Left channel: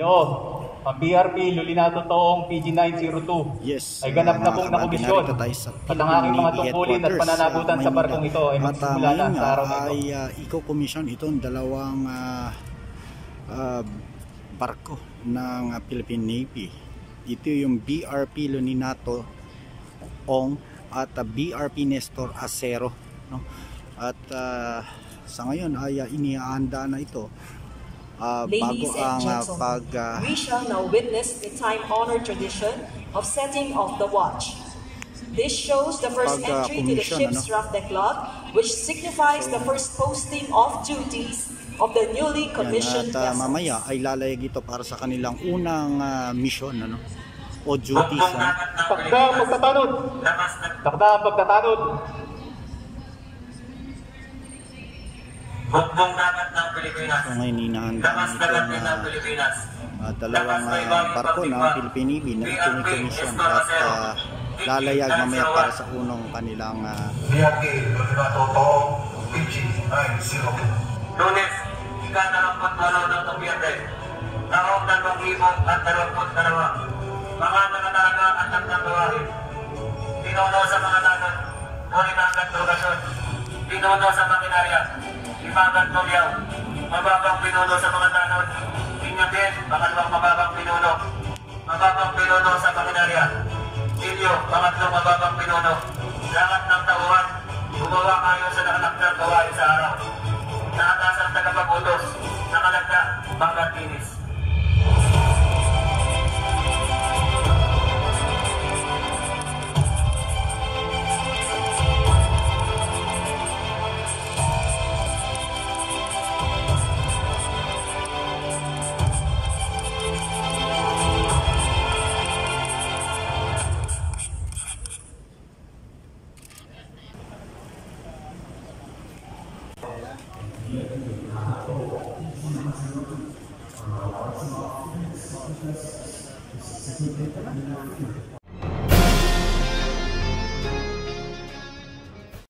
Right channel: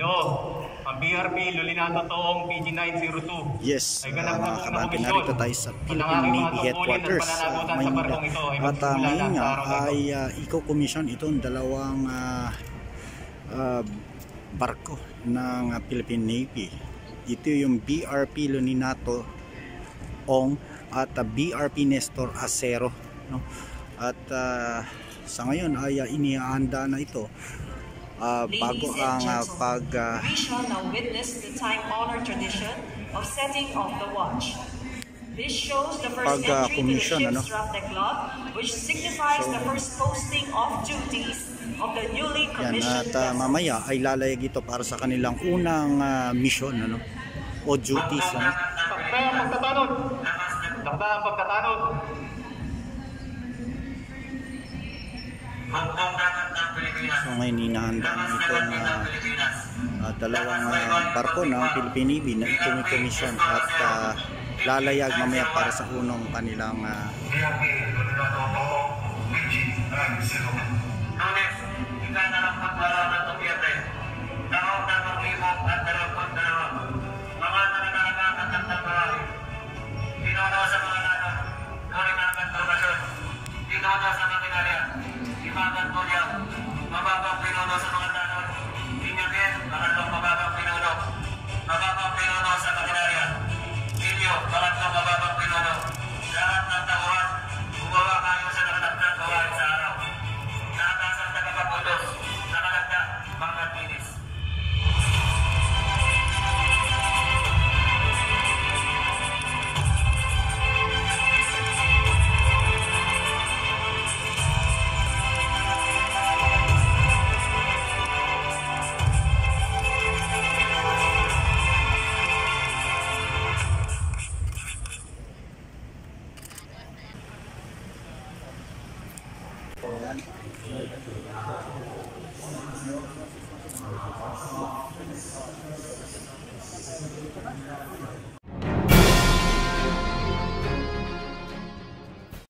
Ito, ang BRP Lulinato Toong PG-902. Yes, ay ganap na pong mga narito tayo sa Philippine Navy Headquarters sa Maynila. At ngayon nga ay i-commission itong dalawang barko ng Philippine Navy. Ito yung BRP Lulinato Ong at BRP Nestor Acero, no? At sa ngayon ay inihahanda na ito bago ang we shall now witness the time-honored tradition of setting of the watch. This shows the first entry to the ship's draft declogue, which signifies the first posting of duties of the newly commissioned vessel. At mamaya ay lalayag ito para sa kanilang unang mission, ano, o duties, ano. Pagtatanod. Pagtatanod. So ngayon hinahanda na itong dalawang barko ng Philippine Navy na i-commission at lalayag mamaya para sa unang kanilang Lunes, ika-22 ng Nobyembre, taong 2022, mga mananaga at ng buhay, pinuno sa mga tanod, Kulimang Kantugasyon, pinuno sa makinarya, Imagan Tulyaw, mababang pinuno sa mga tanod, Inyabien, pangalawang mababang pinuno, mababang pinuno sa makinarya, Ilyo, pangatlong mababang pinuno, lahat ng tauhan, gumawa kayo sa nakanak ng gawain sa araw. Nakakasang tagapagutos, nakalagda, Bangkat Tinis. Thank you.